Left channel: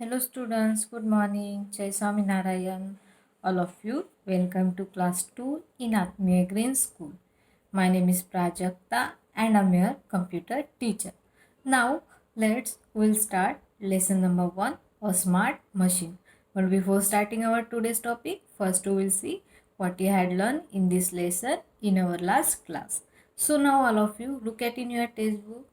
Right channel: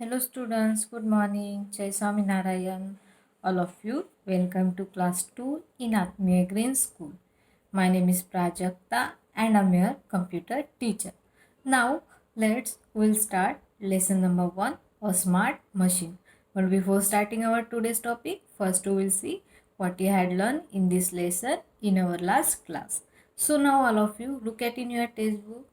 Hello students, good morning. Jai Swami Narayan. All of you, welcome to class 2 in Atmiya Green School. My name is Prajakta and I'm your computer teacher. Now, we'll start lesson number 1, a smart machine. But before starting our today's topic, first we will see what you had learned in this lesson in our last class. So now all of you look at in your textbook.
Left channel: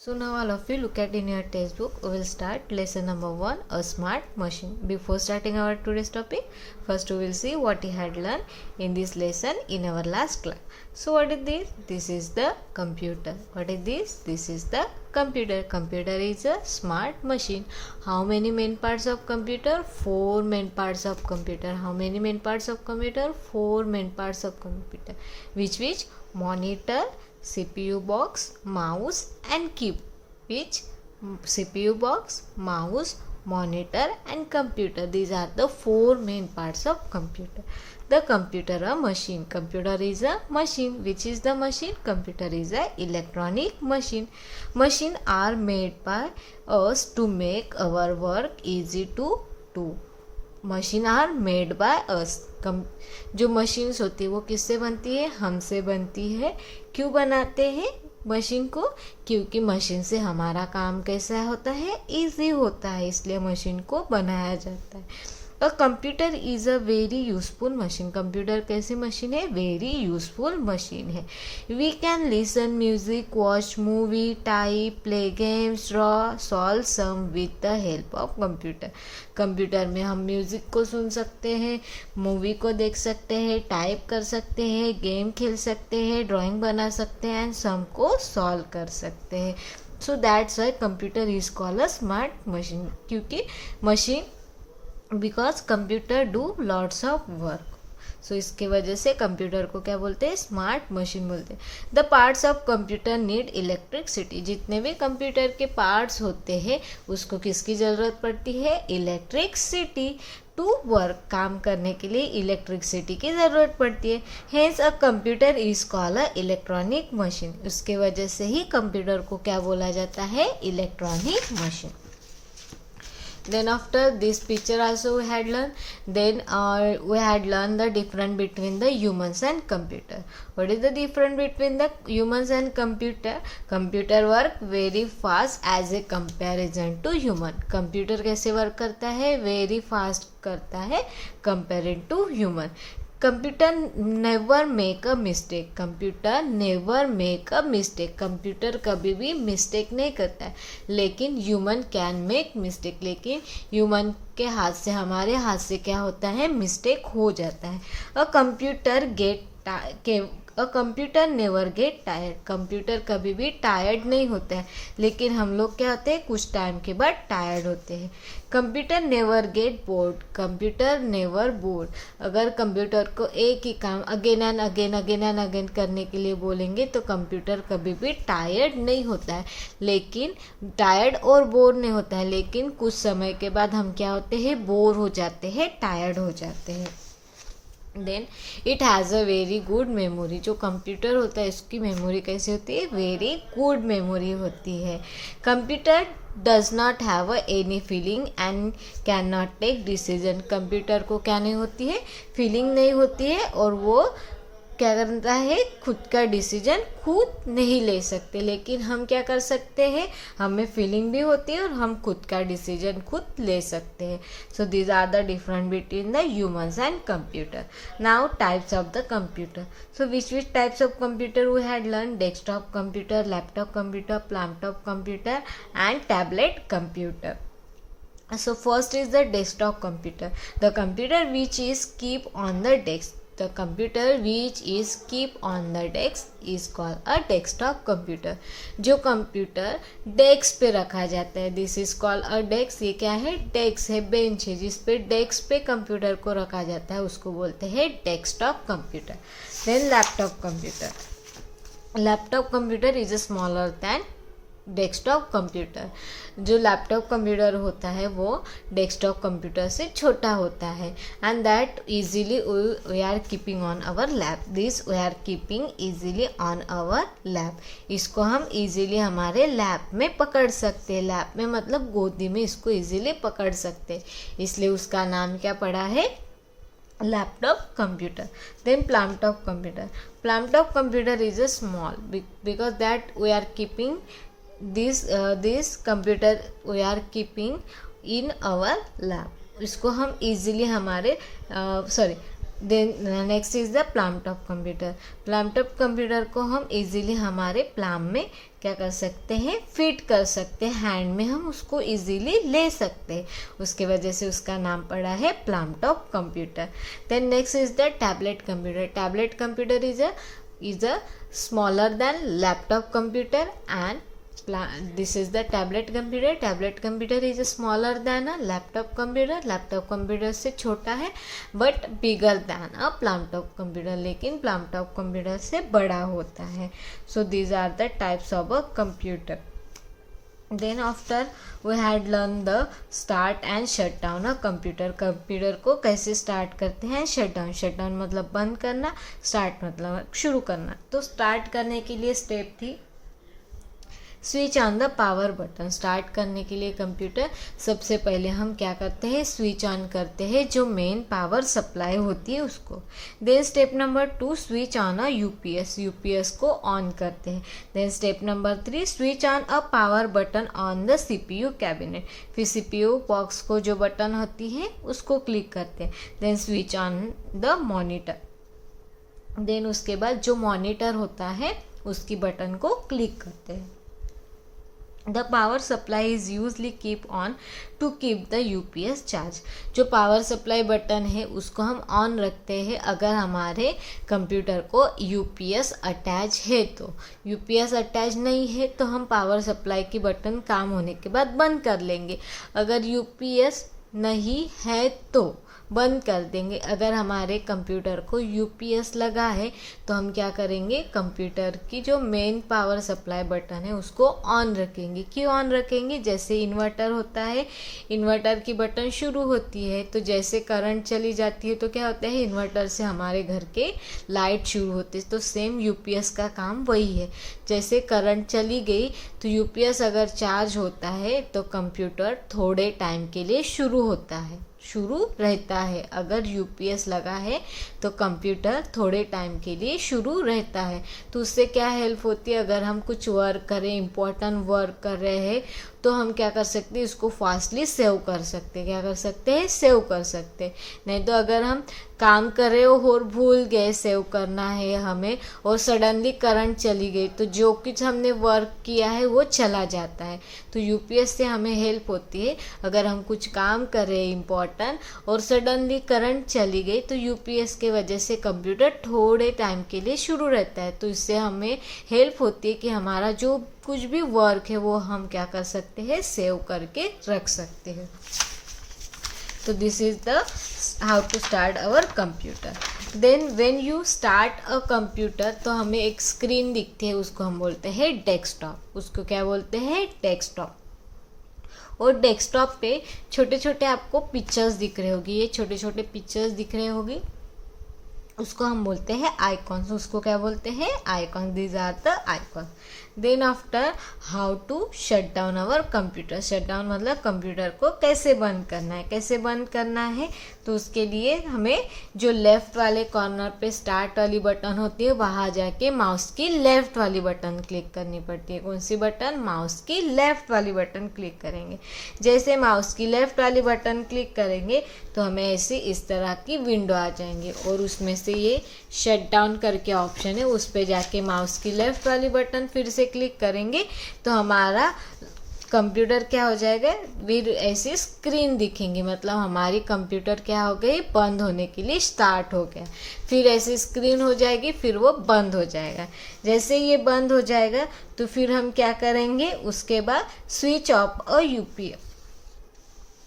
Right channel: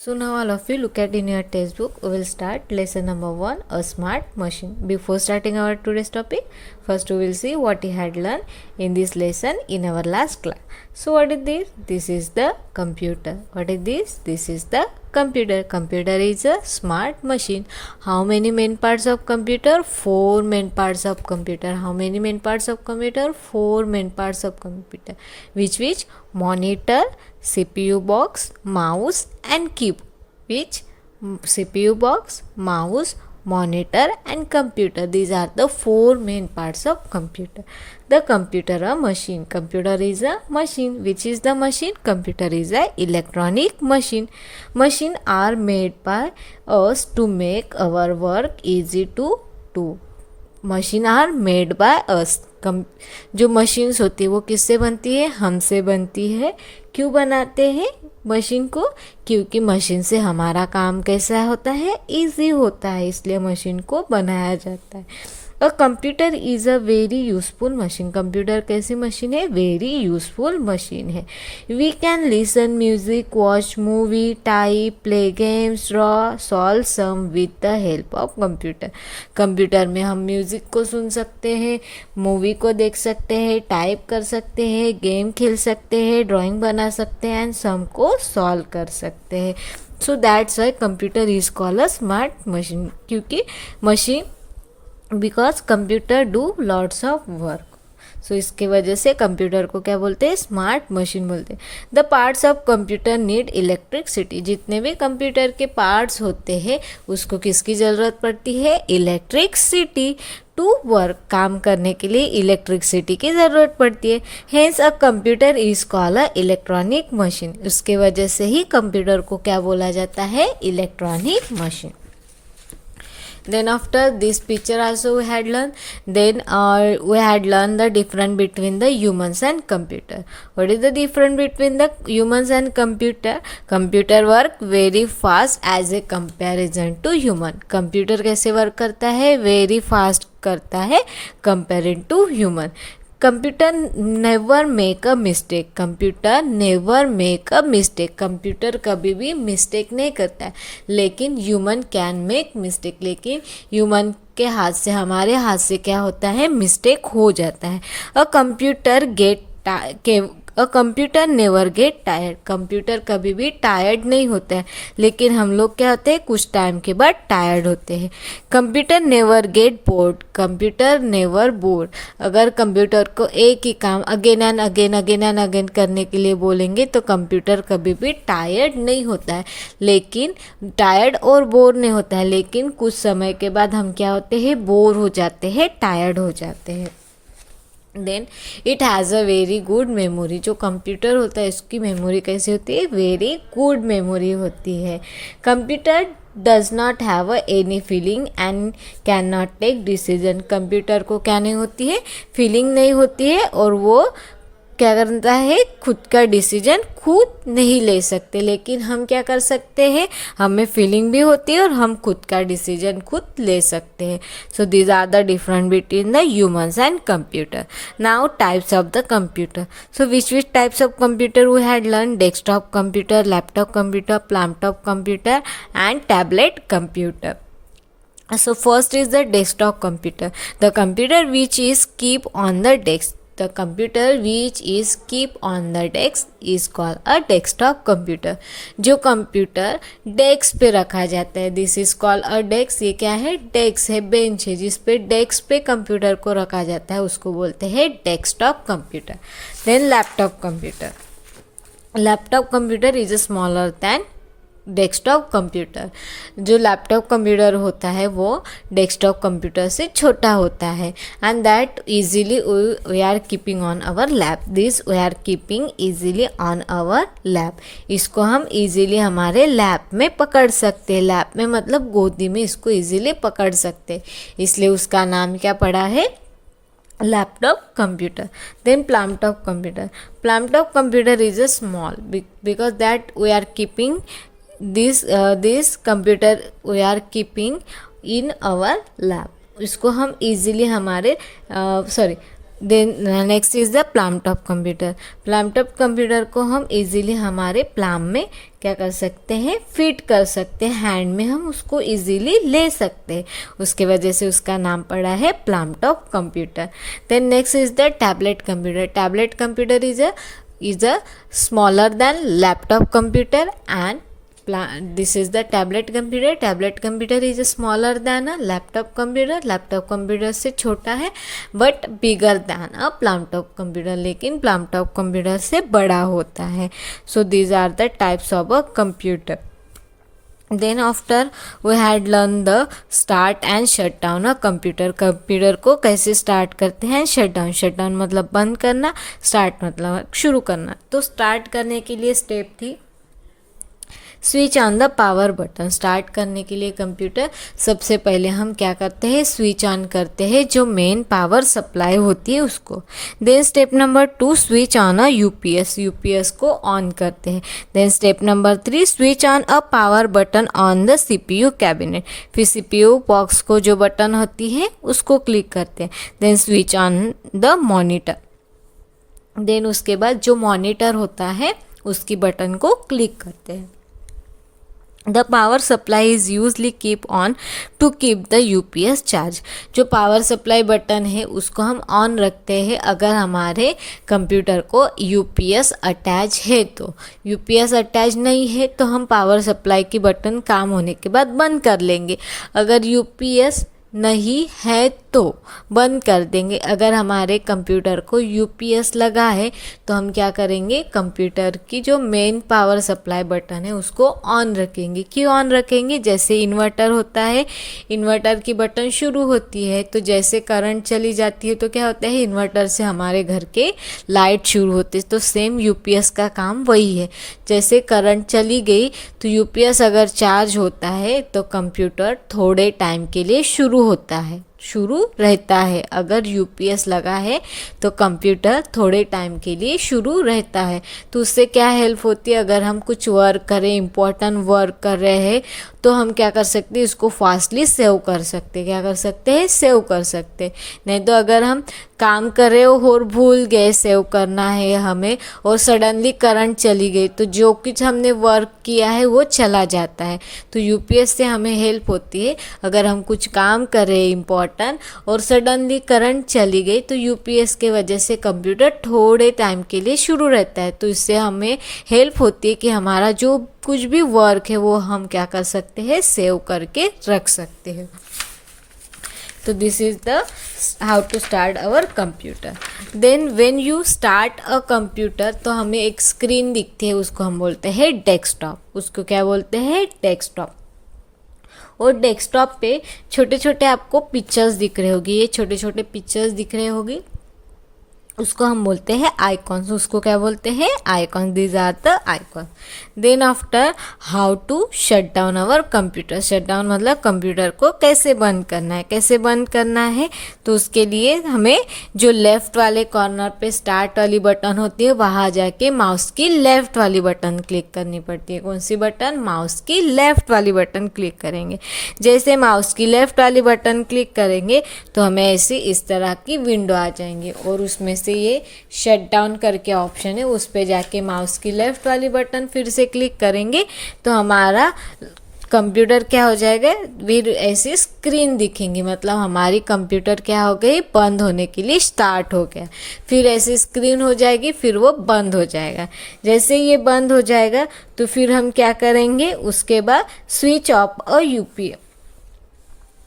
So now all of you look at in your textbook. We will start lesson number 1, a smart machine. Before starting our today's topic, first we will see what we had learned in this lesson in our last class. So what is this? This is the computer. What is this? This is the computer. Computer is a smart machine. How many main parts of computer? 4 main parts of computer. How many main parts of computer? 4 main parts of computer. Which? Monitor, CPU box, mouse and keyboard. Which? CPU box, mouse, monitor and computer. These are the 4 main parts of computer. The computer a machine. Computer is a machine. Which is the machine? Computer is a electronic machine. Machine are made by us to make our work easy to do. Machine are made by us. जो machines होती है वो किससे बनती है? हमसे बनती है. क्यों बनाते हैं मशीन को? क्योंकि मशीन से हमारा काम कैसा होता है? इजी होता है, इसलिए मशीन को बनाया जाता है. A computer is a very useful machine. Computer कैसी मशीन है? वेरी यूजफुल मशीन है. We can listen music, watch movie, type, play games, draw, solve sum with the help of computer. Computer में हम music को सुन सकते हैं, movie को देख सकते हैं, टाइप कर सकते हैं, गेम खेल सकते हैं, ड्राइंग बना सकते हैं एंड सम को सॉल्व कर सकते हैं. So that's why computer is called a smart machine. क्योंकि machine because computer do lots of work. So इसके वजह से कंप्यूटर को क्या बोलते हैं? स्मार्ट मशीन बोलते हैं. The parts of computer need electricity. जितने भी कंप्यूटर के पार्ट्स होते हैं उसको किसकी ज़रूरत पड़ती है? इलेक्ट्रिसिटी. टू वर्क, काम करने के लिए इलेक्ट्रिसिटी की ज़रूरत पड़ती है. Hence a computer is called a electronic machine. उसके वजह से ही कंप्यूटर को क्या बोला जाता है? Electronic machine. Then after this picture also we had learned. Then we had learned the difference between the humans and computer. What is the difference between the humans and computer? Computer work very fast as a comparison to human. Computer कैसे work करता है? very fast करता है comparing to human. Computer never make a mistake. Computer never make a mistake. Computer कभी भी mistake नहीं करता है. लेकिन ह्यूमन कैन मेक मिस्टेक. लेकिन ह्यूमन के हाथ से, हमारे हाथ से क्या होता है? मिस्टेक हो जाता है. A computer a computer never get tired. Computer कभी भी टायर्ड नहीं होता है. लेकिन हम लोग क्या होते हैं? कुछ टाइम के बाद टायर्ड होते हैं. Computer never get bored. Computer never board. अगर कंप्यूटर को एक ही काम अगेन एंड अगेन करने के लिए बोलेंगे तो कंप्यूटर कभी भी टायर्ड नहीं होता है. लेकिन टायर्ड और बोर नहीं होता है. लेकिन कुछ समय के बाद हम क्या होते हैं? बोर हो जाते हैं, टायर्ड हो जाते हैं. Then it has a very good memory. जो कंप्यूटर होता है इसकी मेमोरी कैसी होती है? वेरी गुड मेमोरी होती है. Computer does not have any feeling and can not take decision. Computer को क्या नहीं होती है? फीलिंग नहीं होती है और वो क्या करता है? खुद का डिसीजन खुद नहीं ले सकते. लेकिन हम क्या कर सकते हैं? हमें फीलिंग भी होती है और हम खुद का डिसीजन खुद ले सकते हैं. So these are the different between the humans and computer. Now types of the computer. So which types of computer we had learn? Desktop computer, laptop computer, laptop computer and tablet computer. So first is the desktop computer. The computer which is keep on the desk. The computer which is keep on the desk is called a desktop computer. जो computer desk पे रखा जाता है, this is called a desk. ये क्या है? Desk है, bench है जिस पे डेस्क पे कंप्यूटर को रखा जाता है, उसको बोलते हैं desktop computer. Then laptop computer. Laptop computer is smaller than desktop computer. जो लैपटॉप कंप्यूटर होता है वो डेस्कटॉप कंप्यूटर से छोटा होता है, and that easily we are keeping on our lap. This we are keeping easily on our lap. इसको हम इजीली हमारे लैप में पकड़ सकते हैं। लैप में मतलब गोदी में इसको इजीली पकड़ सकते हैं, इसलिए उसका नाम क्या पड़ा है, laptop computer. Then plumtop computer. Plumtop computer is a small because that we are keeping this computer we are keeping in our lab. इसको हम easily हमारे then next is the palmtop computer. Palmtop computer को हम easily हमारे प्लाम में क्या कर सकते हैं, फिट कर सकते हैं। हैंड में हम उसको इजीली ले सकते हैं, उसके वजह से उसका नाम पड़ा है palmtop computer. Then next is the tablet computer. Tablet computer is a smaller than laptop computer and this is the tablet computer. Tablet computer is smaller than a laptop computer. laptop computer से छोटा है but bigger than a plumtop computer, लेकिन plumtop computer से बड़ा होता है। So these are the types of a computer. Then after we had learned the start and shut down a computer. Computer को कैसे स्टार्ट करते हैं, शट डाउन। शट डाउन मतलब बंद करना, स्टार्ट मतलब शुरू करना। तो स्टार्ट करने के लिए स्टेप थी switch on the power button. Start करने के लिए कंप्यूटर सबसे पहले हम क्या करते हैं, स्विच ऑन करते हैं जो मेन पावर सप्लाई होती है उसको। Then step number 2 switch on a UPS. UPS को ऑन करते हैं। Then step number 3 switch on a power button on the CPU cabinet. फिर सीपीयू बॉक्स को जो बटन होती है उसको क्लिक करते हैं। Then switch on the monitor. Then उसके बाद जो मॉनिटर होता है उसकी बटन को क्लिक करते हैं। The power supply is usually keep on to keep the UPS charge. जो पावर सप्लाई बटन है उसको हम ऑन रखते हैं अगर हमारे कंप्यूटर को UPS अटैच है। तो UPS अटैच नहीं है तो हम पावर सप्लाई की बटन काम होने के बाद बंद कर लेंगे। अगर UPS नहीं है तो बंद कर देंगे। अगर हमारे कंप्यूटर को यूपीएस लगा है तो हम क्या करेंगे, कंप्यूटर की जो मेन पावर सप्लाई बटन है उसको ऑन रखेंगे। क्यों ऑन रखेंगे, जैसे इन्वर्टर होता है, इन्वर्टर की बटन शुरू होती है तो जैसे करंट चली जाती है तो क्या होता है, इन्वर्टर से हमारे घर के लाइट शुरू होते हैं। तो सेम यूपीएस का काम वही है। जैसे करंट चली गई तो यूपीएस अगर चार्ज होता है तो कंप्यूटर थोड़े टाइम के लिए शुरू रहता है। अगर यूपीएस लगा है तो कंप्यूटर थोड़े टाइम के लिए शुरू रहता है। तो उससे क्या हेल्प होती है, अगर हम कुछ वर्क करें, इम्पोर्टेंट वर्क कर रहे हैं तो हम क्या कर सकते हैं, इसको फास्टली सेव कर सकते हैं। क्या कर सकते हैं, सेव कर सकते हैं। नहीं तो अगर हम काम कर रहे हो और भूल गए सेव करना है हमें और सडनली करंट चली गई तो जो कुछ हमने वर्क किया है वो चला जाता है। तो यूपीएस से हमें हेल्प होती है। अगर हम कुछ काम कर रहे हैं इम्पोर्टेंट और सडनली करंट चली गई तो यूपीएस के वजह से कंप्यूटर थोड़े टाइम के लिए शुरू रहता है। तो इससे हमें हेल्प होती है कि हमारा जो कुछ भी वर्क है वो हम क्या कर सकते हैं, सेव करके रख सकते हैं। तो this is the how to start our computer. Then when you start a computer तो हमें एक स्क्रीन दिखती है, उसको हम बोलते हैं डेस्कटॉप। उसको क्या बोलते हैं, डेस्कटॉप। और डेस्कटॉप पे छोटे छोटे आपको पिक्चर्स दिख रहे होगी, ये छोटे छोटे पिक्चर्स दिख रहे होगी, उसको हम बोलते हैं आइकॉन्स। उसको क्या बोलते हैं, icon. These are the icon. Then after how to shut down our computer. Shut down मतलब कंप्यूटर को कैसे बंद करना है। कैसे बंद करना है तो उसके लिए हमें जो लेफ़्ट वाले कॉर्नर पे स्टार्ट वाली बटन होती है वहाँ जाके माउस की लेफ़्ट वाली बटन क्लिक करनी पड़ती है। कौन सी बटन, माउस की लेफ़्ट वाली बटन क्लिक करेंगे। जैसे माउस की लेफ़्ट वाली बटन क्लिक करेंगे तो हमें ऐसी इस तरह की विंडो आ जाएंगे और उसमें से ये शट डाउन करके ऑप्शन है, उस पे जाके माउस की लेफ़्ट वाली बटन फिर से क्लिक करेंगे तो हमारा कंप्यूटर क्या हो जाएगा, फिर ऐसी स्क्रीन दिखेंगी। मतलब हमारी कंप्यूटर क्या हो गई, बंद होने के लिए स्टार्ट हो गया। फिर ऐसी स्क्रीन हो जाएगी, फिर वो बंद हो जाएगा। जैसे ये बंद हो जाएगा तो फिर हम क्या करेंगे, उसके बाद स्विच ऑफ और यूपीएस,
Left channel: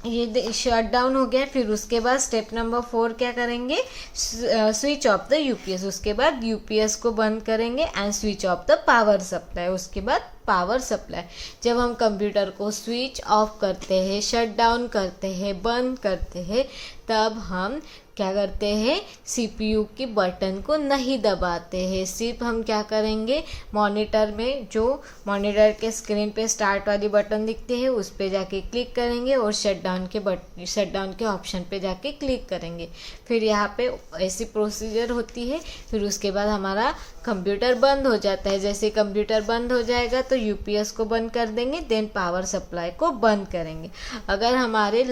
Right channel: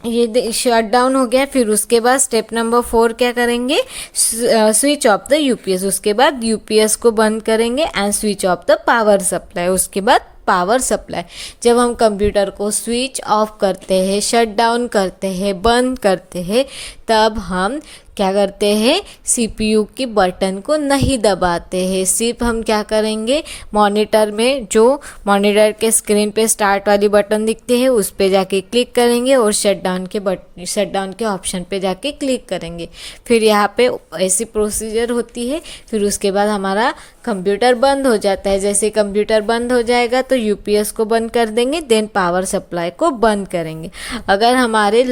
ये शट डाउन हो गया। फिर उसके बाद स्टेप नंबर 4 क्या करेंगे, स्विच ऑफ द यूपीएस। उसके बाद यूपीएस को बंद करेंगे and switch off the power supply. उसके बाद पावर सप्लाई। जब हम कंप्यूटर को स्विच ऑफ करते हैं, शट डाउन करते हैं, बंद करते हैं, तब हम क्या करते हैं, सीपीयू की बटन को नहीं दबाते हैं। सिर्फ हम क्या करेंगे, मॉनिटर में जो मॉनिटर के स्क्रीन पे स्टार्ट वाली बटन दिखती है उस पे जाके क्लिक करेंगे और शट डाउन के ऑप्शन पे जाके क्लिक करेंगे। फिर यहाँ पे ऐसी प्रोसीजर होती है। फिर उसके बाद हमारा कंप्यूटर बंद हो जाता है। जैसे कंप्यूटर बंद हो जाएगा तो यूपीएस को बंद कर देंगे, देन पावर सप्लाई को बंद करेंगे। अगर हमारे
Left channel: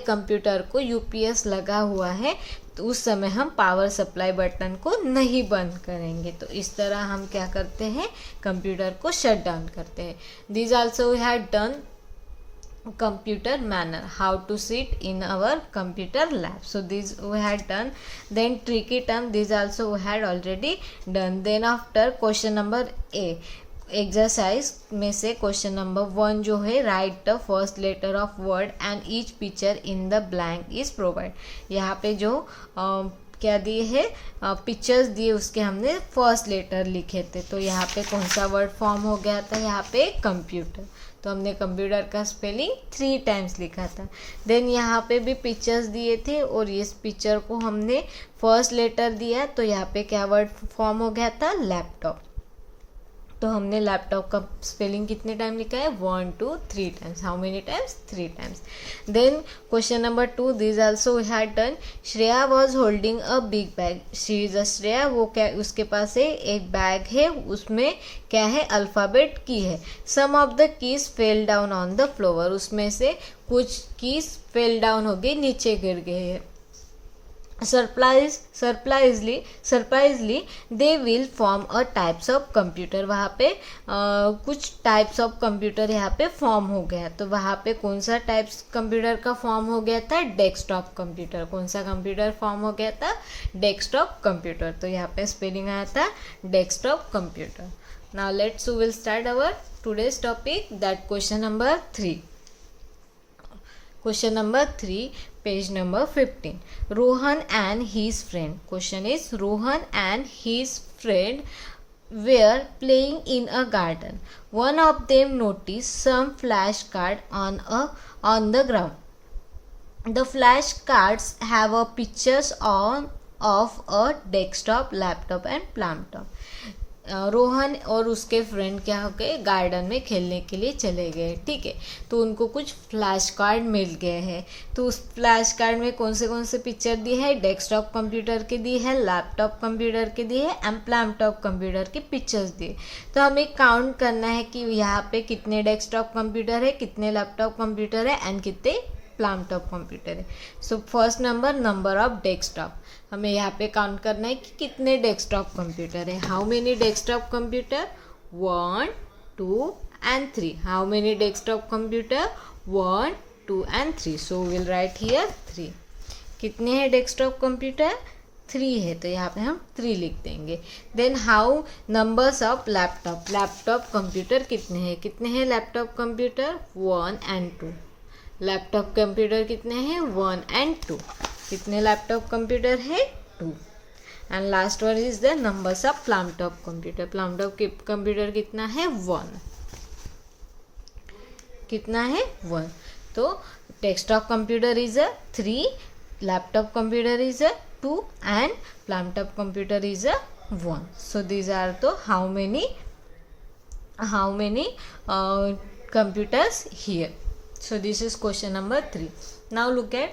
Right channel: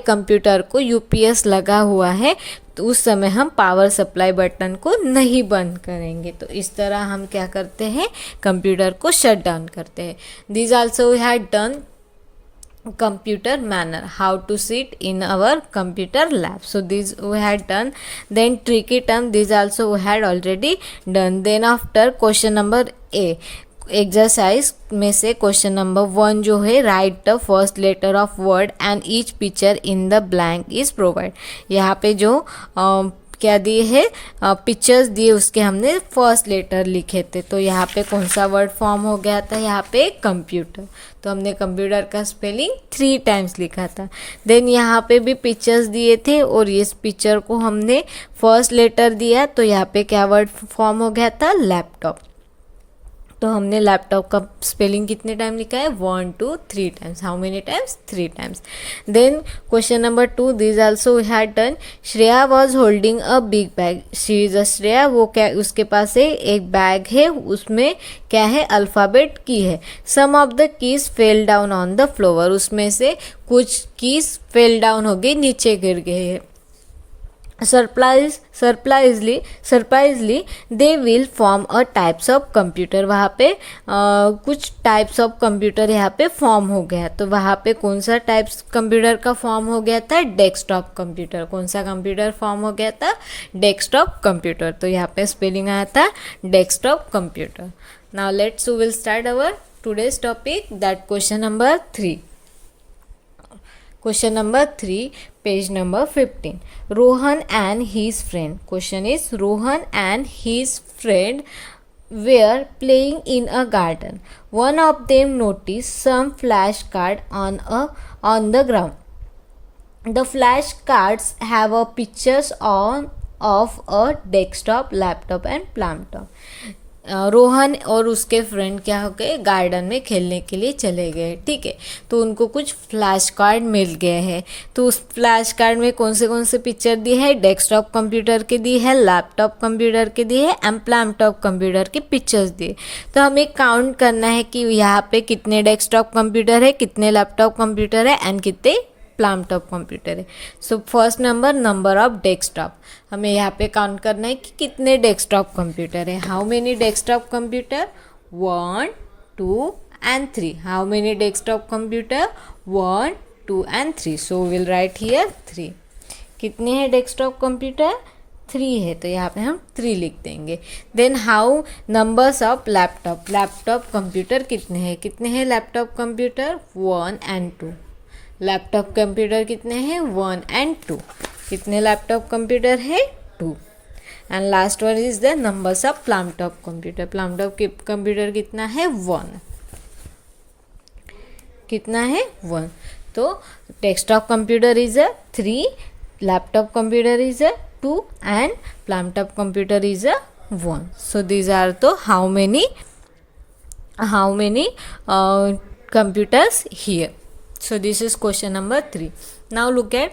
कंप्यूटर को यूपीएस लगा हुआ है तो उस समय हम पावर सप्लाई बटन को नहीं बंद करेंगे। तो इस तरह हम क्या करते हैं, कंप्यूटर को शट डाउन करते हैं। This also we had done computer manner, how to sit in our computer lab. So this we had done. Then tricky term, this also we had already done. Then after question number A, exercise में से question number 1 जो है, right the first letter of word and each picture in the blank is provide. यहाँ पे जो क्या दिए है, पिक्चर्स दिए, उसके हमने फर्स्ट लेटर लिखे थे। तो यहाँ पे कौन सा वर्ड फॉर्म हो गया था, यहाँ पे कंप्यूटर। तो हमने कंप्यूटर का स्पेलिंग 3 टाइम्स लिखा था। देन यहाँ पे भी पिक्चर्स दिए थे और इस पिक्चर को हमने फर्स्ट लेटर दिया, तो यहाँ पे क्या वर्ड फॉर्म हो गया था, लैपटॉप। तो हमने लैपटॉप का स्पेलिंग कितने टाइम लिखा है, 1 2 3 times. How many times, 3 times. Then question number 2, this also we had done. Shreya was holding a big bag. She is a Shreya, वो क्या, उसके पास है एक बैग है, उसमें क्या है, अल्फ़ाबेट की है। Some of the keys fell down on the floor, उसमें से कुछ कीज फेल डाउन हो गई, नीचे गिर गए हैं। सरप्राइजली they will form a types of computer. वहाँ पे कुछ टाइप्स ऑफ कंप्यूटर यहाँ पे फॉर्म हो गया। तो वहाँ पे कौन सा टाइप्स कंप्यूटर का फॉर्म हो गया था, डेस्कटॉप कंप्यूटर। कौन सा कंप्यूटर फॉर्म हो गया था, डेस्कटॉप कंप्यूटर। तो यहाँ पे स्पेलिंग आया था desktop computer. Now let's will start our today's topic, that question number 3। Question number 3, page number 15. Rohan and his friend. Question is, Rohan and his friend were playing in a garden. One of them noticed some flashcard on the ground. The flashcards have a pictures of a desktop, laptop and laptop. Rohan और उसके friend क्या हो गए, garden में खेलने के लिए चले गए। ठीक है, तो उनको कुछ फ्लैश कार्ड मिल गए हैं। तो उस फ्लैश कार्ड में कौन से पिक्चर दी है, डेस्कटॉप कंप्यूटर के दी है, लैपटॉप कंप्यूटर के दी है, लैपटॉप कंप्यूटर की पिक्चर्स दिए। तो हमें काउंट करना है कि यहाँ पे कितने डेस्कटॉप कंप्यूटर है, कितने लैपटॉप कंप्यूटर है एंड कितने लैपटॉप कंप्यूटर है। So first number of desktop, हमें यहाँ पे काउंट करना है कि कितने डेस्कटॉप कंप्यूटर है। How many desktop computer, 1 2 and 3। How many desktop computer, 1 2 and 3। So will write here 3। कितने हैं डेस्कटॉप कंप्यूटर, 3 है, तो यहाँ पे हम 3 लिख देंगे। Then how numbers of laptop computer कितने हैं laptop computer, 1 and 2। Laptop computer कितने हैं, 1 and 2। कितने लैपटॉप कंप्यूटर है, 2। And last one is the numbers of laptop computer. Laptop computer कितना है, 1। कितना है, 1। तो desktop computer is a 3, laptop computer is a 2 and laptop computer is a 1। So these are तो how many computers here. So this is question number 3. Now look at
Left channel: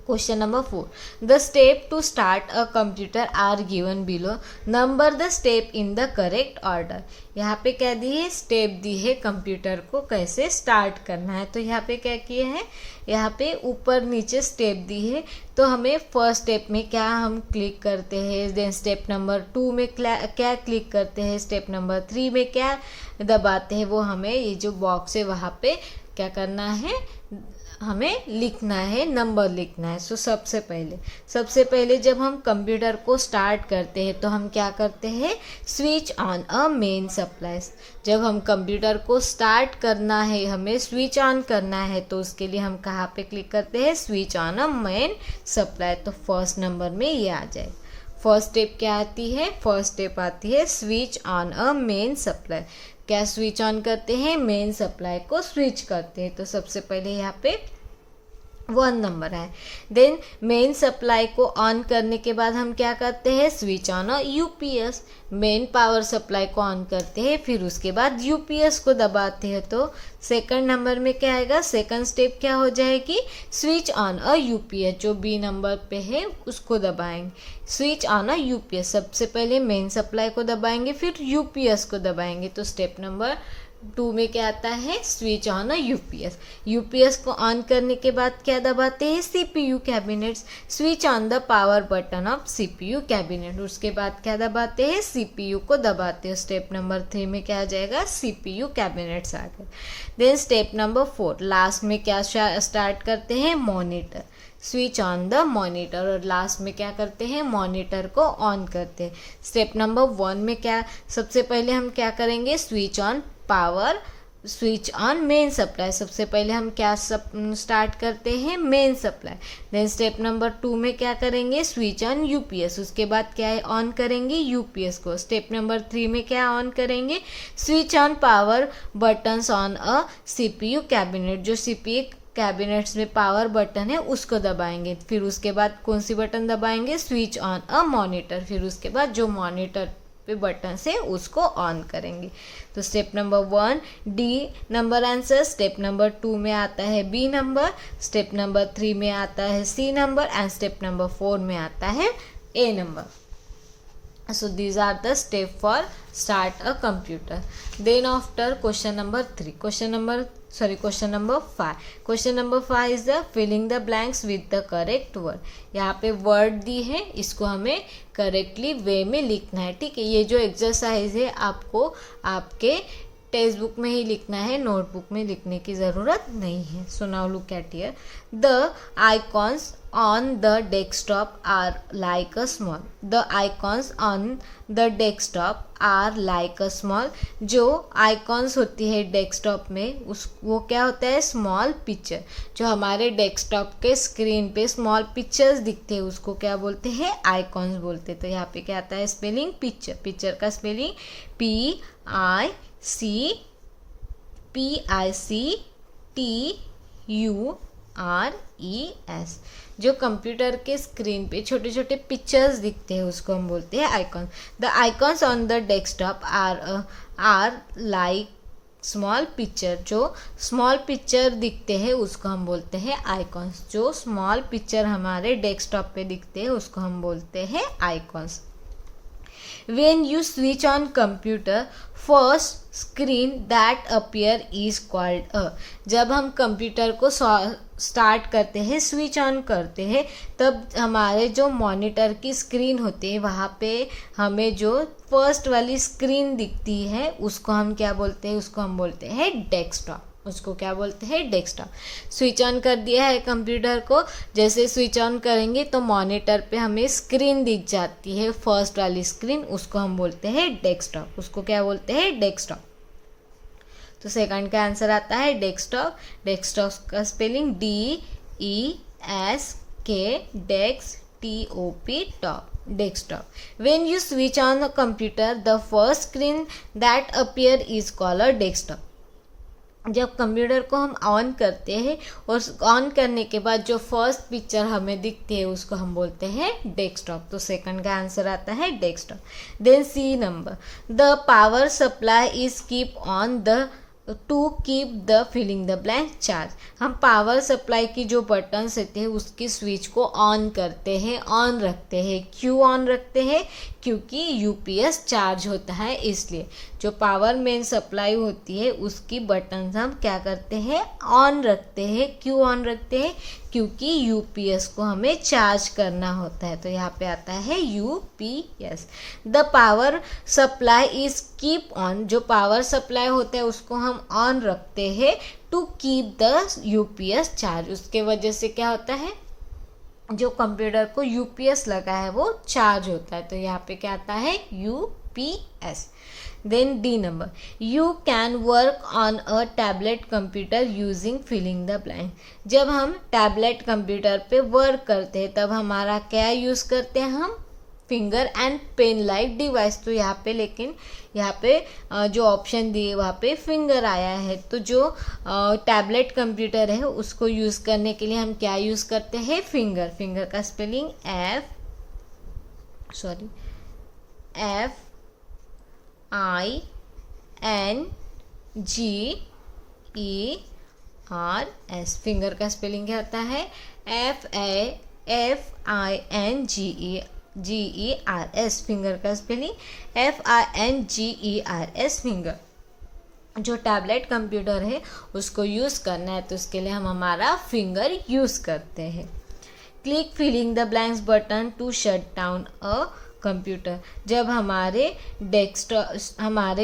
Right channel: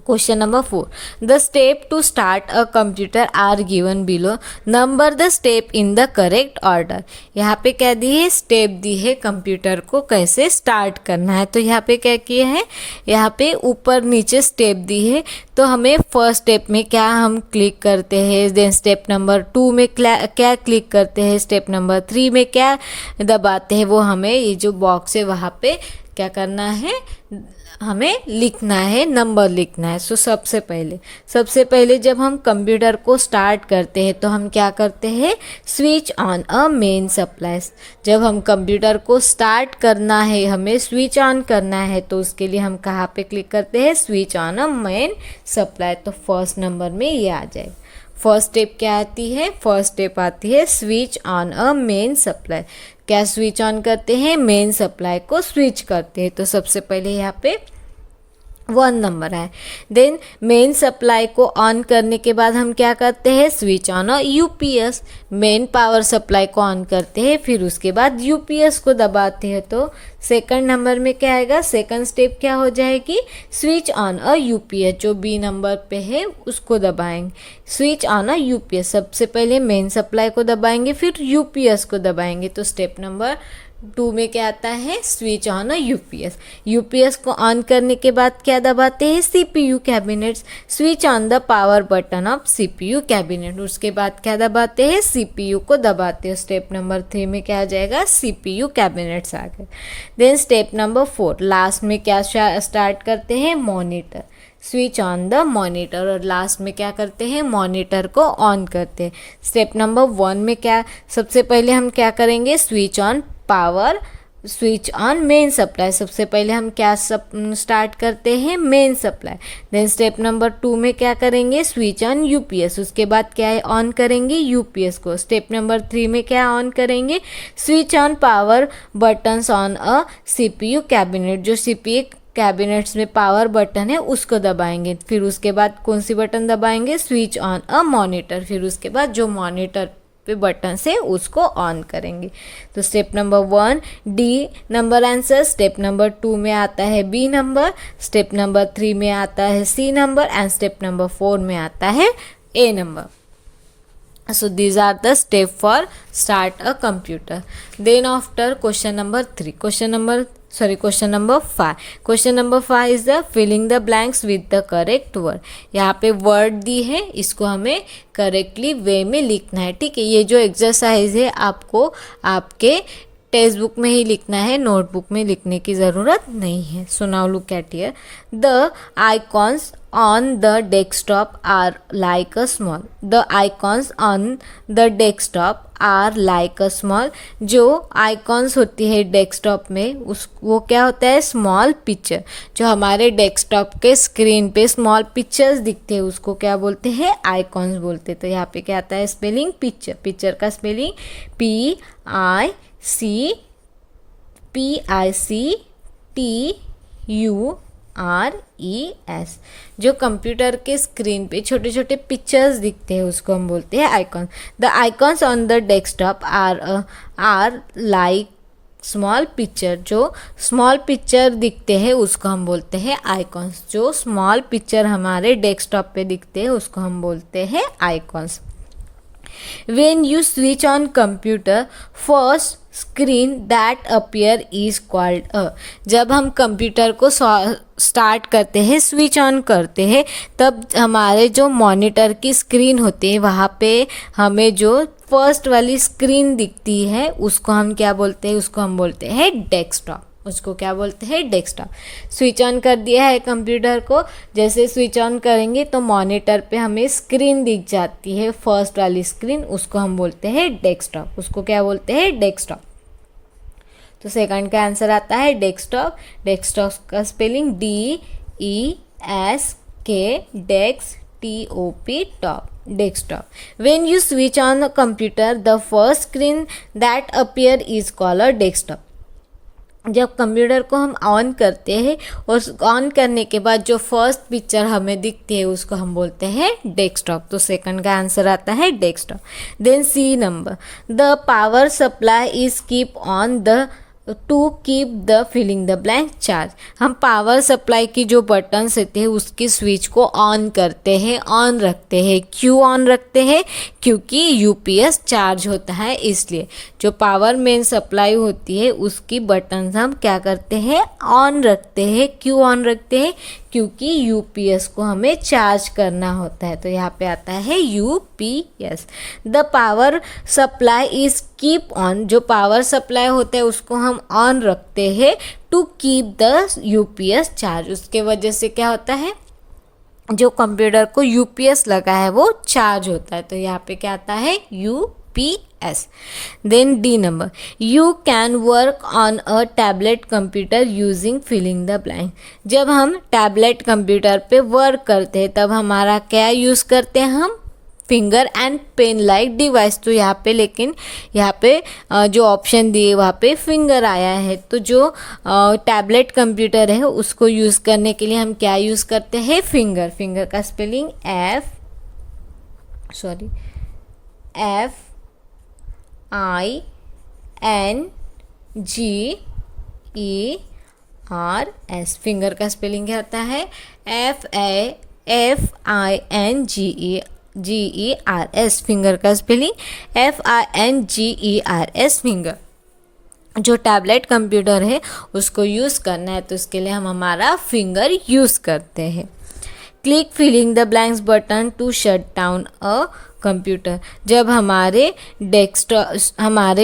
question number 4. The step to start a computer are given below. Number the step in the correct order. यहाँ पे क्या दी है, step दी है computer को कैसे start करना है। तो यहाँ पे क्या किया है, यहाँ पे ऊपर नीचे स्टेप दी है। तो हमें फर्स्ट स्टेप में क्या हम क्लिक करते हैं, देन स्टेप नंबर 2 में क्या क्लिक करते हैं, स्टेप नंबर 3 में क्या दबाते हैं, वो हमें ये जो बॉक्स है वहाँ पे क्या करना है, हमें लिखना है, नंबर लिखना है। सो सबसे पहले जब हम कंप्यूटर को स्टार्ट करते हैं तो हम क्या करते हैं, switch on a main supply. जब हम कंप्यूटर को स्टार्ट करना है, हमें स्विच ऑन करना है, तो उसके लिए हम कहाँ पे क्लिक करते हैं, switch on a main supply. तो फर्स्ट नंबर में ये आ जाए। फर्स्ट स्टेप क्या आती है, फर्स्ट स्टेप आती है switch on a main supply. क्या स्विच ऑन करते हैं, मेन सप्लाई को स्विच करते हैं। तो सबसे पहले यहाँ पे 1 नंबर है। देन मेन सप्लाई को ऑन करने के बाद हम क्या करते हैं, switch on a UPS, main power supply को ऑन करते हैं, फिर उसके बाद यूपीएस को दबाते हैं। तो सेकंड नंबर में क्या आएगा, सेकंड स्टेप क्या हो जाएगी, स्विच ऑन अ यूपीएस, जो बी नंबर पे है उसको दबाएंगे। स्विच ऑन अ यूपीएस, सबसे पहले मेन सप्लाई को दबाएंगे फिर यूपीएस को दबाएंगे। तो स्टेप नंबर 2 में क्या आता है, switch on a UPS. UPS को ऑन करने के बाद क्या दबाते हैं, CPU cabinets, switch on the power button of CPU cabinet. उसके बाद क्या दबाते हैं, सीपीयू को दबाते हैं। स्टेप नंबर 3 में क्या आ जाएगा, सीपीयू कैबिनेट्स आ गए। देन स्टेप नंबर 4 लास्ट में क्या स्टार्ट करते हैं, monitor, switch on the monitor, और लास्ट में क्या करते हैं, मॉनिटर को ऑन करते हैं। स्टेप नंबर 1 में क्या, सबसे पहले हम क्या करेंगे, switch on power, switch on main supply, सबसे पहले हम क्या स्टार्ट करते हैं, main supply. Then step number 2 में क्या करेंगे, स्विच ऑन यूपीएस, उसके बाद क्या है, ऑन करेंगे यूपीएस को। स्टेप नंबर 3 में क्या ऑन करेंगे, switch on power buttons on a CPU cabinet, जो सीपीयू कैबिनेट्स में पावर बटन है उसको दबाएंगे। फिर उसके बाद कौन सी बटन दबाएंगे, स्विच ऑन अ मॉनिटर, फिर उसके बाद जो मॉनिटर पे बटन से उसको ऑन करेंगे। तो step number 1 D number answer, step number 2 में आता है बी नंबर, स्टेप नंबर 3 में आता है C number, and step number 4 में आता है A number. So these are the step for start a computer. Then after question number 3, question number 5. Question number 5 is the filling the blanks with the correct word. यहाँ पे word दी है, इसको हमें correctly वे में लिखना है. ठीक है, ये जो एक्सरसाइज है आपको आपके टेक्स्ट बुक में ही लिखना है, नोटबुक में लिखने की ज़रूरत नहीं है. So now look eight here, the icons on the desktop are like a small, the icons on the desktop are like a small, जो आइकॉन्स होती है डेस्कटॉप में वो क्या होता है, स्मॉल पिक्चर. जो हमारे डेस्कटॉप के स्क्रीन पे स्मॉल पिक्चर्स दिखते हैं उसको क्या बोलते हैं, आइकॉन्स बोलते हैं. तो यहाँ पे क्या आता है स्पेलिंग, पिक्चर, पिक्चर का स्पेलिंग PICTURES. जो कंप्यूटर के स्क्रीन पे छोटे छोटे पिक्चर्स दिखते हैं उसको हम बोलते हैं icon. The icons on the desktop are like small picture. जो स्मॉल पिक्चर दिखते हैं उसको हम बोलते हैं आइकॉन्स. जो स्मॉल पिक्चर हमारे डेस्कटॉप पे दिखते हैं उसको हम बोलते हैं icons. When you switch on computer, first screen that appear is called a. जब हम कंप्यूटर को स्टार्ट करते हैं, स्विच ऑन करते हैं, तब हमारे जो मॉनिटर की स्क्रीन होती है वहाँ पे हमें जो फर्स्ट वाली स्क्रीन दिखती है उसको हम क्या बोलते हैं, उसको हम बोलते हैं डेस्कटॉप. उसको क्या बोलते हैं, डेस्कटॉप. स्विच ऑन कर दिया है कंप्यूटर को, जैसे स्विच ऑन करेंगे तो मॉनिटर पे हमें स्क्रीन दिख जाती है, फर्स्ट वाली स्क्रीन, उसको हम बोलते हैं डेस्कटॉप. उसको क्या बोलते हैं, डेस्कटॉप. तो सेकंड का आंसर आता है डेस्कटॉप. डेस्कटॉप का spelling DESK, desk TOP, top, desktop. When you switch on the computer, the first screen that appear is called a desktop. जब कंप्यूटर को हम ऑन करते हैं और ऑन करने के बाद जो फर्स्ट पिक्चर हमें दिखती है उसको हम बोलते हैं डेस्कटॉप. तो सेकंड का आंसर आता है desktop. Then C number, the power supply is keep on the to keep the filling the blank charge. हम पावर सप्लाई की जो बटन्स होते हैं उसकी स्विच को ऑन करते हैं, ऑन रखते हैं. क्यों ऑन रखते हैं, क्योंकि यूपीएस चार्ज होता है इसलिए. जो पावर मेन सप्लाई होती है उसकी बटन्स हम क्या करते हैं, ऑन रखते हैं. क्यों ऑन रखते हैं, क्योंकि यूपीएस को हमें चार्ज करना होता है. तो यहाँ पे आता है UPS. The power supply is keep on. जो पावर सप्लाई होते हैं उसको हम ऑन रखते हैं to keep the UPS charge. उसके वजह से क्या होता है, जो कंप्यूटर को यूपीएस लगा है वो चार्ज होता है. तो यहाँ पे क्या आता है, UPS. Then D number, you can work on a tablet computer using filling the blank. जब हम टैबलेट कंप्यूटर पे वर्क करते हैं तब हमारा क्या यूज़ करते हैं, हम finger and pen like device. तो यहाँ पे लेकिन यहाँ पे जो ऑप्शन दिए वहाँ पे फिंगर आया है। तो जो टैबलेट कंप्यूटर है उसको यूज़ करने के लिए हम क्या यूज़ करते हैं, फिंगर। फिंगर का स्पेलिंग FINGERS। फिंगर का स्पेलिंग क्या होता है, FINGERS। फिंगर का स्पेलिंग FINGERS, फिंगर। जो टैबलेट कंप्यूटर है उसको यूज़ करना है तो उसके लिए हम हमारा फिंगर यूज़ करते हैं। Click filling the blanks button to shut down a computer. जब हमारे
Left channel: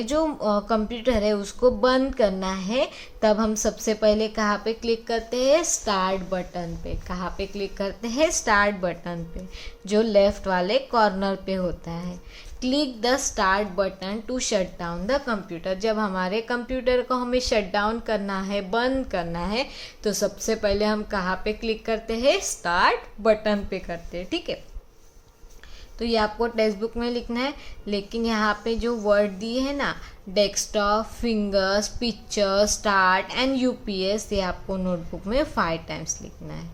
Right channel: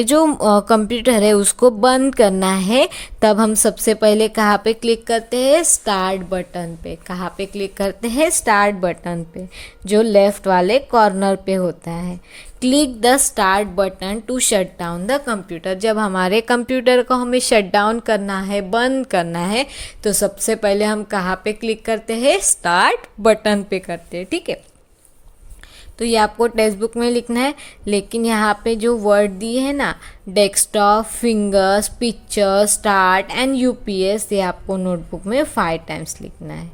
जो कंप्यूटर है उसको बंद करना है तब हम सबसे पहले कहाँ पे क्लिक करते हैं, स्टार्ट बटन पे। कहाँ पे क्लिक करते हैं, स्टार्ट बटन पे, जो लेफ्ट वाले कॉर्नर पे होता है। Click the start button to shut down the computer. जब हमारे कंप्यूटर को हमें शट डाउन करना है, बंद करना है, तो सबसे पहले हम कहाँ पे क्लिक करते हैं, स्टार्ट बटन पे करते हैं। ठीक है, तो ये आपको टेक्स्ट बुक में लिखना है, लेकिन यहाँ पे जो वर्ड दिए है ना, desktop, fingers, picture, start and UPS, ये आपको नोटबुक में 5 टाइम्स लिखना है।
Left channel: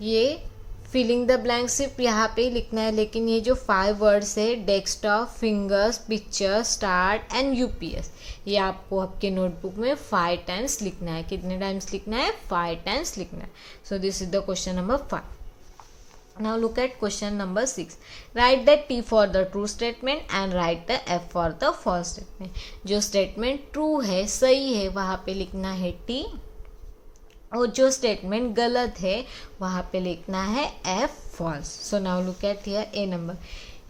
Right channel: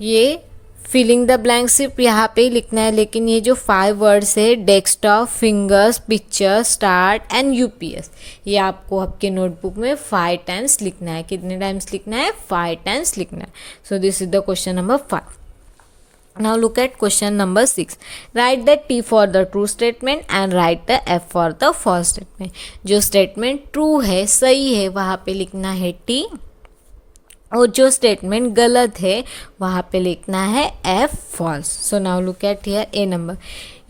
ये फिलिंग द ब्लैंक सिर्फ यहाँ पे ही लिखना है, लेकिन ये जो 5 वर्ड्स है, desktop, fingers, picture, start and UPS, ये आपको आपके नोटबुक में 5 टाइम्स लिखना है। कितने टाइम्स लिखना है, 5 टाइम्स लिखना है। सो this is the question number 5. Now look at question number 6. Write the T for the true statement and write the F for the false statement. जो statement true है, सही है, वहाँ पे लिखना है T, और जो statement गलत है वहाँ पे लिखना है F, false. So now look at here A number.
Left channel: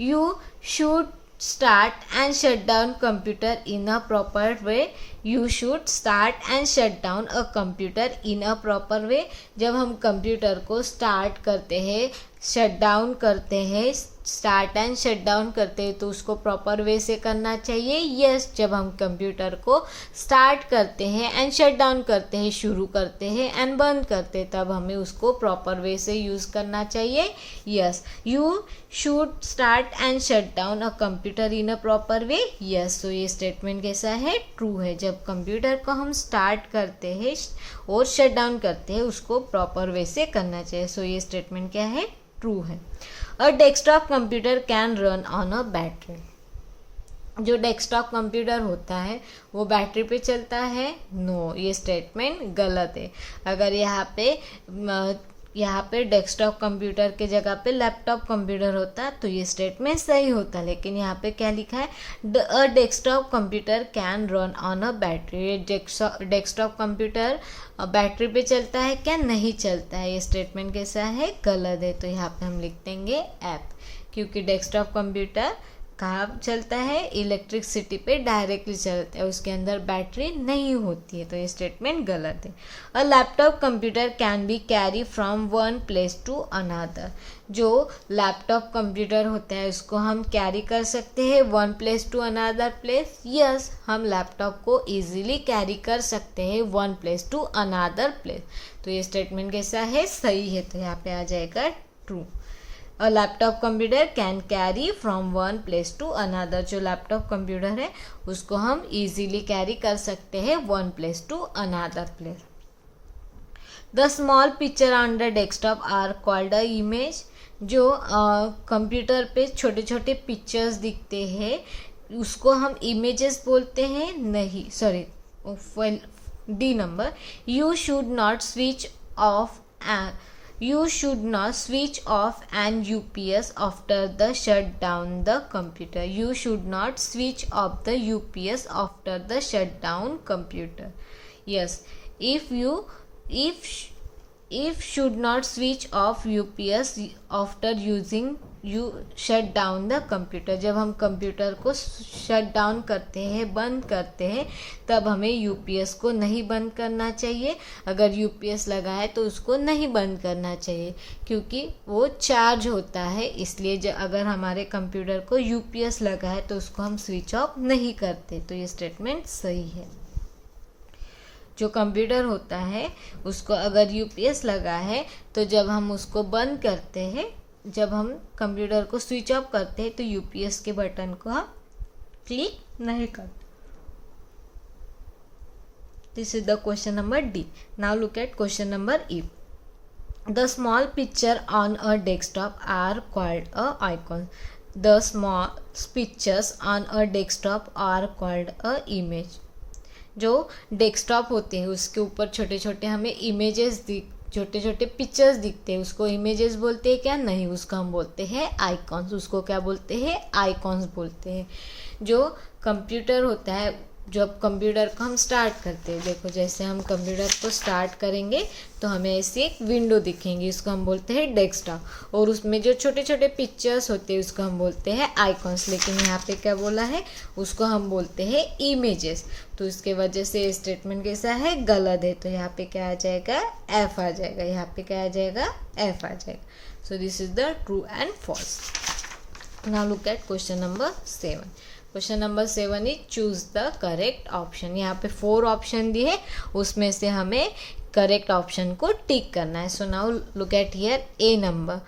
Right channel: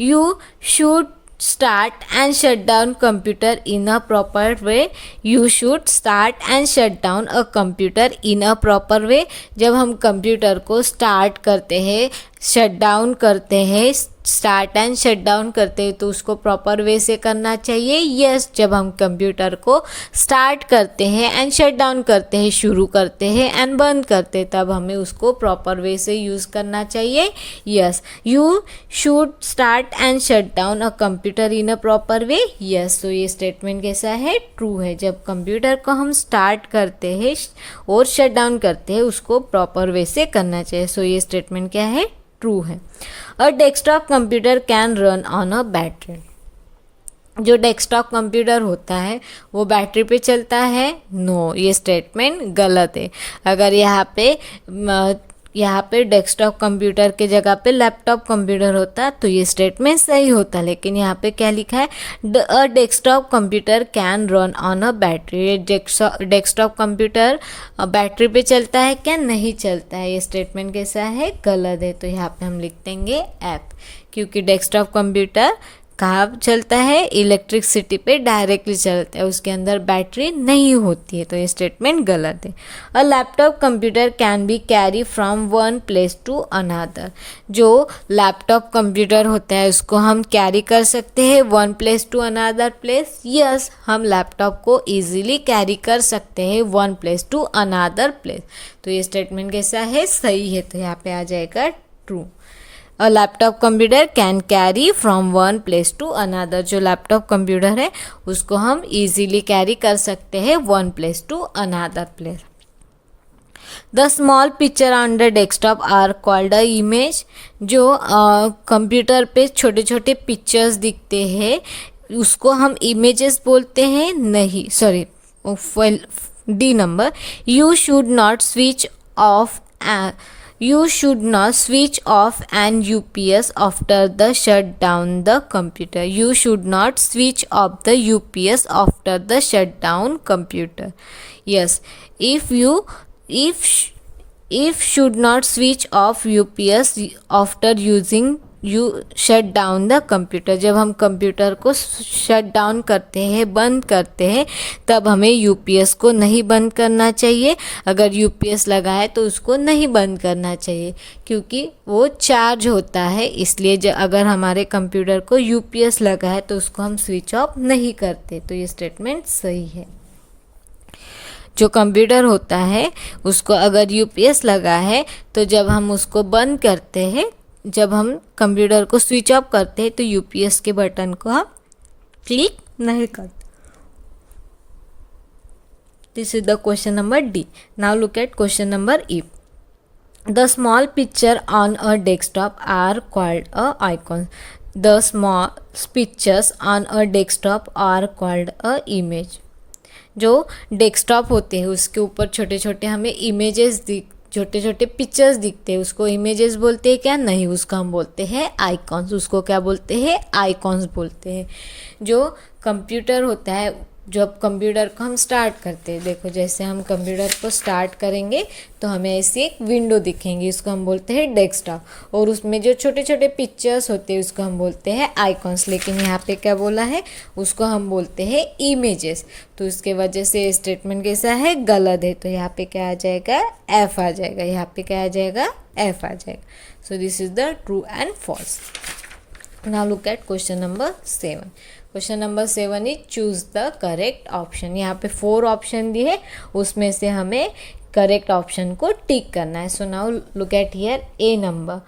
You should start and shut down computer in a proper way. You should start and shut down a computer in a proper way. जब हम computer को start करते हैं, shut down करते हैं, start and shut down करते हैं, तो उसको प्रॉपर वे से करना चाहिए। यस, जब हम कंप्यूटर को स्टार्ट करते हैं एंड शट डाउन करते हैं, शुरू करते हैं एंड बंद करते हैं, तब हमें उसको प्रॉपर वे से यूज़ करना चाहिए। Yes, you should start and shut down a computer in a proper way. Yes, तो ये स्टेटमेंट कैसा है, ट्रू है। जब कंप्यूटर को हम स्टार्ट करते हैं और शट डाउन करते हैं, उसको प्रॉपर वे से करना चाहिए। सो ये स्टेटमेंट क्या है, ट्रू है। A desktop computer can run on a battery. जो डेस्कटॉप कंप्यूटर होता है वो बैटरी पे चलता है, नो, ये स्टेटमेंट गलत है। अगर यहाँ पे डेस्कटॉप कंप्यूटर के जगह पे लैपटॉप कंप्यूटर होता तो ये स्टेटमेंट सही होता, लेकिन यहाँ पे क्या लिखा है, a desktop computer can run on a battery. Desktop computer battery पे चलता है क्या, नहीं चलता है। ये स्टेटमेंट कैसा है, गलत है। तो यहाँ पे हम लिख देंगे ऐप, क्योंकि डेस्कटॉप कंप्यूटर कहाँ चलता है, इलेक्ट्रिसिटी पे डायरेक्टली चलता है, उसके अंदर बैटरी नहीं होती है। तो ये स्टेटमेंट गलत है। A laptop computer can be carry from one place to another. जो लैपटॉप कंप्यूटर होता है उसको हम कैरी कर सकते हैं one place to another place. Yes, हम लैपटॉप को ईजिली कैरी कर सकते हैं one place to another place. तो ये स्टेटमेंट कैसा है, सही है। तो यहाँ पे आ जाएगा true. A laptop computer can carry from one place to another. जो लैपटॉप कंप्यूटर है उसको हम इजीली कैरी कर सकते हैं one place to another place. The small picture on the desktop are called a image. जो कंप्यूटर पे छोटे छोटे पिक्चर्स दिखते हैं उसको हम इमेजेस बोलते हैं, नहीं, sorry, D number. You should not switch off You should not switch off an UPS after the shut down the computer. You should not switch off the UPS after the shut down computer. Yes, if should not switch off UPS after using you shut down the computer. जब हम computer को shut down करते हैं, बंद करते हैं, तब हमें UPS को नहीं बंद करना चाहिए। अगर UPS लगा है तो उसको नहीं बंद करना चाहिए, क्योंकि वो चार्ज होता है। इसलिए अगर हमारे कंप्यूटर को UPS लगा है तो उसको हम स्विच ऑफ नहीं करते। तो ये स्टेटमेंट सही है। जो कंप्यूटर होता है उसको अगर UPS लगा है तो जब हम उसको बंद करते हैं जब हम कंप्यूटर को स्विच ऑफ करते हैं तो यूपीएस के बटन को हम क्लिक नहीं करते. This is the question number D. Now look at question number E. The small picture on a desktop are called a icon. The small pictures on a desktop are called a image. जो desktop होते हैं उसके ऊपर छोटे छोटे हमें images छोटे छोटे पिक्चर्स दिखते हैं, उसको इमेजेस बोलते हैं क्या? नहीं, उसको हम बोलते हैं आइकॉन्स. उसको क्या बोलते हैं? आइकॉन्स बोलते हैं. जो कंप्यूटर होता है, जब कंप्यूटर को हम स्टार्ट करते हैं, देखो जैसे हम कंप्यूटर को स्टार्ट करेंगे तो हमें ऐसी एक विंडो दिखेंगी, इसको हम बोलते हैं डेस्कटॉप. और उसमें जो छोटे छोटे पिक्चर्स होते हैं उसको हम बोलते हैं आइकॉन्स. लेकिन यहाँ पे क्या बोला है? उसको हम बोलते हैं इमेजेस. तो उसके वजह से स्टेटमेंट कैसा है? गलत है. तो यहाँ पे क्या आ जाएगा? एफ आ जाएगा. यहाँ पे क्या आ जाएगा? एफ आ जाएगा. So this is the true and false. Now look at question number 7. Question number 7 is choose the correct option. यहाँ पे 4 ऑप्शन दिए, उसमें से हमें करेक्ट ऑप्शन को टिक करना है. So now look eight here A number.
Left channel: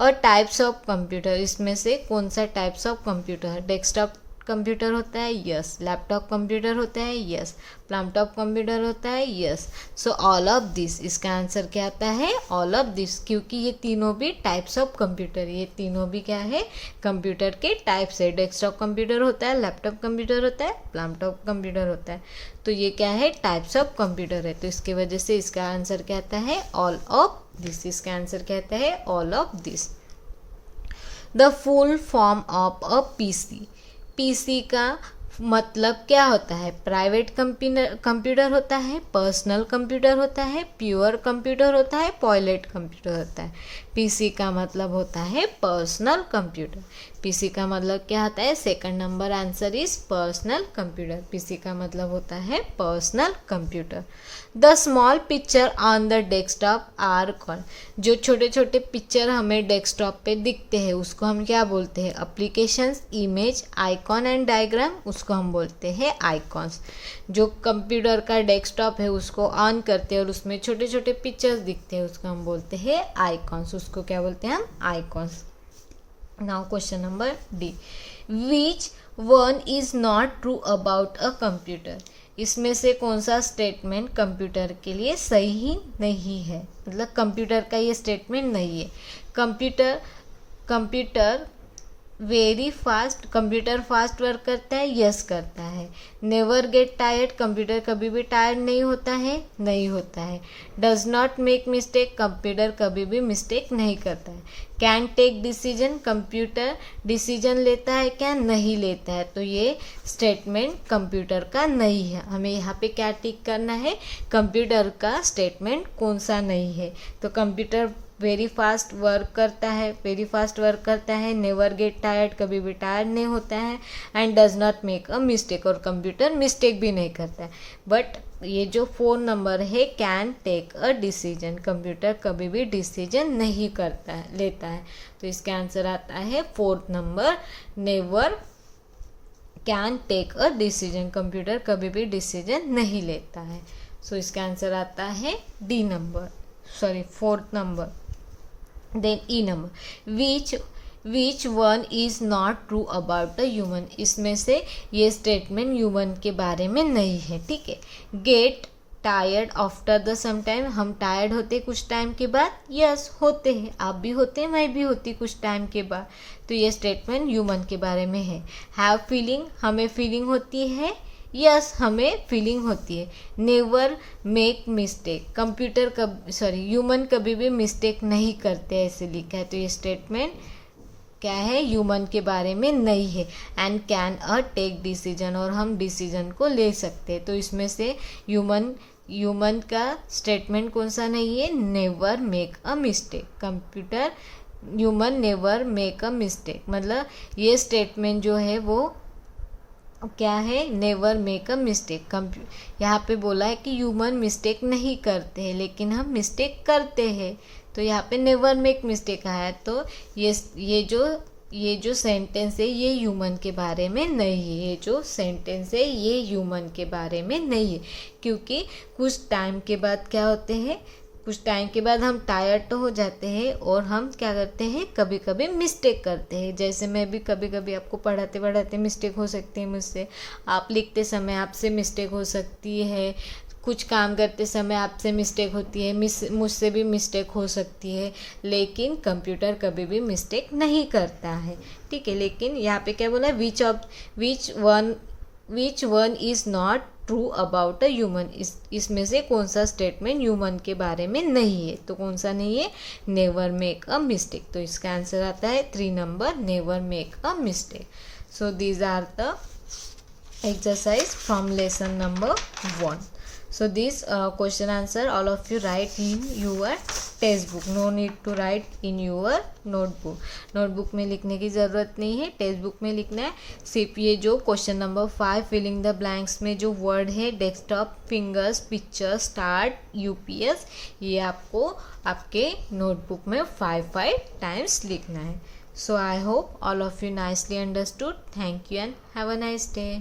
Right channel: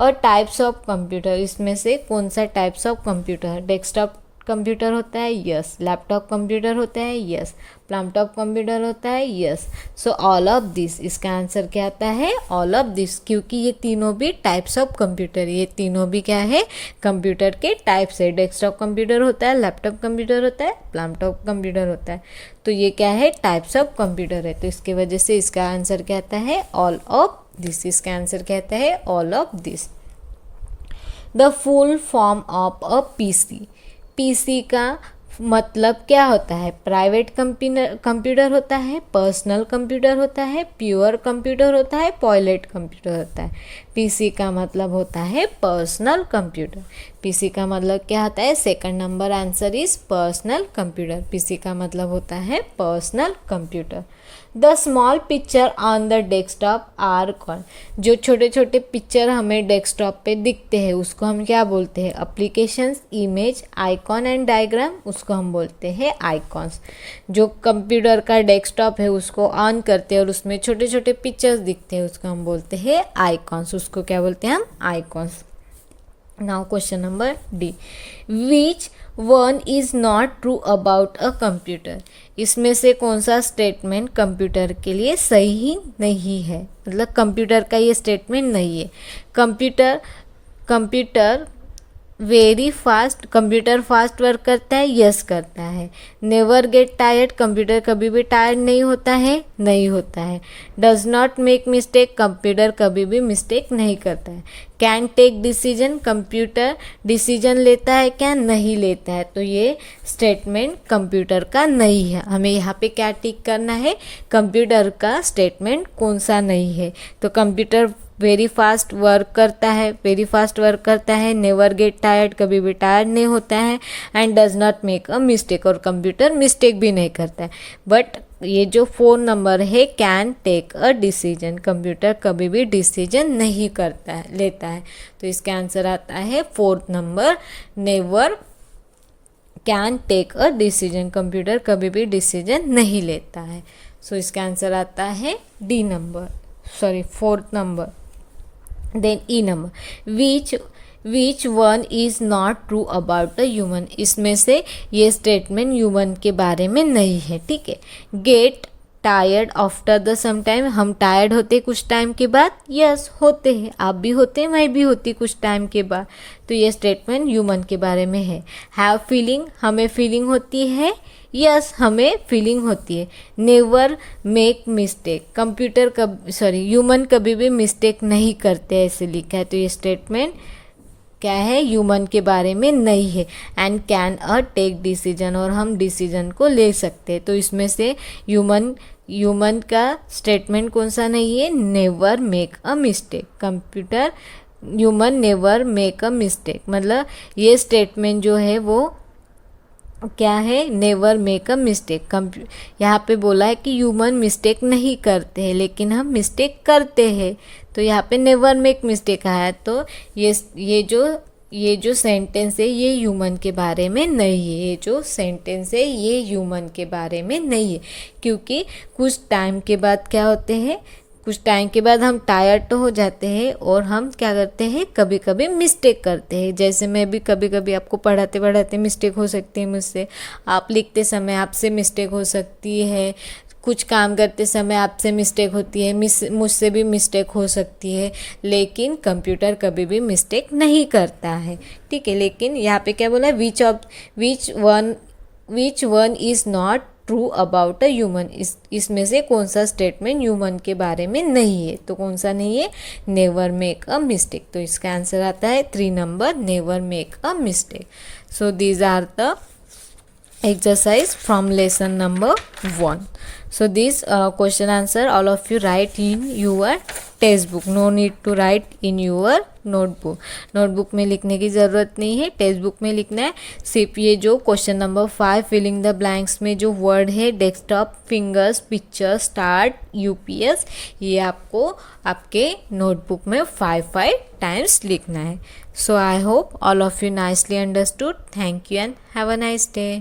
और टाइप्स ऑफ कंप्यूटर, इसमें से कौन सा types of computer? Desktop computer होता है, यस. लैपटॉप कंप्यूटर होता है, यस. लैपटॉप कंप्यूटर होता है, yes. So all of this, इसका आंसर क्या आता है? All of this. क्योंकि ये तीनों भी टाइप्स ऑफ कंप्यूटर, ये तीनों भी क्या है? कंप्यूटर के टाइप्स है. डेस्कटॉप कंप्यूटर होता है, लैपटॉप कंप्यूटर होता है, लैपटॉप कंप्यूटर होता है. तो ये क्या है? टाइप्स ऑफ कंप्यूटर है. तो इसके वजह से इसका आंसर क्या आता है? All of this. इसका आंसर क्या आता है? All of this. The full form of a PC. PC का मतलब क्या होता है? प्राइवेट कंप्यूटर होता है, पर्सनल कंप्यूटर होता है, प्योर कंप्यूटर होता है, पॉयलेट कंप्यूटर होता है. पीसी का मतलब होता है पर्सनल कंप्यूटर. पीसी का मतलब क्या होता है? Second number answer is personal computer. PC का मतलब होता है personal computer. The small picture on the desktop are called. जो छोटे छोटे पिक्चर हमें डेस्कटॉप पे दिखते हैं उसको हम क्या बोलते हैं? Applications, image, icon and diagram, उसको हम बोलते हैं आइकॉन्स. जो कंप्यूटर का डेस्कटॉप है उसको ऑन करते हैं और उसमें छोटे छोटे पिक्चर्स दिखते हैं उसको हम बोलते हैं आइकॉन्स. उसको क्या बोलते हैं हम? Icons. Now question number D. Which one is not true about a computer. इसमें से कौन सा स्टेटमेंट कंप्यूटर के लिए सही नहीं है? मतलब कंप्यूटर का ये स्टेटमेंट नहीं है. Computer very fast, computer fast work करता है, यस करता है. नेवर गेट टायर्ड, कंप्यूटर कभी भी टायर्ड नहीं होता है, नहीं होता है. Does not make mistake, computer कभी भी मिस्टेक नहीं करता है. Can take decision, computer decision लेता है क्या? नहीं लेता है. तो ये स्टेटमेंट कंप्यूटर का नहीं है. हमें यहाँ पे क्या टिक करना है? कंप्यूटर का स्टेटमेंट कौन सा नहीं है. तो कंप्यूटर वेरी फास्ट वर्क करता है, वेरी फास्ट वर्क करता है. नेवर गेट टायर्ड, कभी भी टायर्ड नहीं होता है. And does not make a mistake, और कंप्यूटर मिस्टेक भी नहीं करता है. बट ये जो 4 नंबर है, can take a decision, computer कभी भी डिसीजन नहीं करता है, लेता है. तो इसका आंसर आता है 4th number, never can take a decision, computer कभी भी डिसीजन नहीं लेता है. सो इसका आंसर आता है D number, sorry 4th number. Then E number. Which one is not true about the human. इसमें से ये स्टेटमेंट ह्यूमन के बारे में नहीं है. ठीक है. Get tired after the some time, हम टायर्ड होते कुछ टाइम के बाद, यस होते हैं. आप भी होते हैं, मैं भी होती कुछ टाइम के बाद. तो ये स्टेटमेंट ह्यूमन के बारे में है. हैव फीलिंग, हमें फीलिंग होती है, यस हमें फीलिंग होती है. नेवर मेक मिस्टेक, ह्यूमन कभी भी मिस्टेक नहीं करते, ऐसे लिखा है. तो ये स्टेटमेंट क्या है? ह्यूमन के बारे में नहीं है. And can a take decision, और हम डिसीजन को ले सकते हैं. तो इसमें से ह्यूमन का स्टेटमेंट कौन सा नहीं है? Never make a mistake. Human never make a mistake, मतलब ये स्टेटमेंट जो है वो क्या है? Never make a mistake. यहाँ पे बोला है कि ह्यूमन मिस्टेक नहीं करते हैं, लेकिन हम मिस्टेक करते हैं. तो यहाँ पे नेवर मेक मिस्टेक आया. तो ये जो सेंटेंस है ये ह्यूमन के बारे में नहीं है. ये जो सेंटेंस है ये ह्यूमन के बारे में नहीं है. क्योंकि कुछ टाइम के बाद क्या होते हैं? कुछ टाइम के बाद हम टायर्ड तो हो जाते हैं और हम क्या करते हैं, कभी कभी मिस्टेक करते हैं। जैसे मैं भी कभी कभी आपको पढ़ाते पढ़ाते मिस्टेक हो सकती है मुझसे, आप लिखते समय आपसे मिस्टेक हो सकती है, कुछ काम करते समय आपसे मिस्टेक होती है, मुझसे भी मिस्टेक हो सकती है, लेकिन कंप्यूटर कभी भी मिस्टेक नहीं करता है, ठीक है। लेकिन यहाँ पे क्या बोला, विच one is not true about a human, इसमें से कौन सा स्टेटमेंट ह्यूमन के बारे में नहीं है, तो कौन सा नहीं है, नेवर मेक अ मिस्टेक। तो इसका आंसर आता है 3 number, never make a mistake. So these are the exercise from lesson number 1. So this question answer all of you write in your textbook, no need to write in your notebook में लिखने की ज़रूरत नहीं है, text book में लिखना है। सिर्फ ये जो question number 5 filling the blanks में जो वर्ड है desktop, fingers, picture, start, UPS, ये आपको आपके नोटबुक में 5 टाइम्स लिखना है। So I hope all of you nicely understood. Thank you and have a nice day.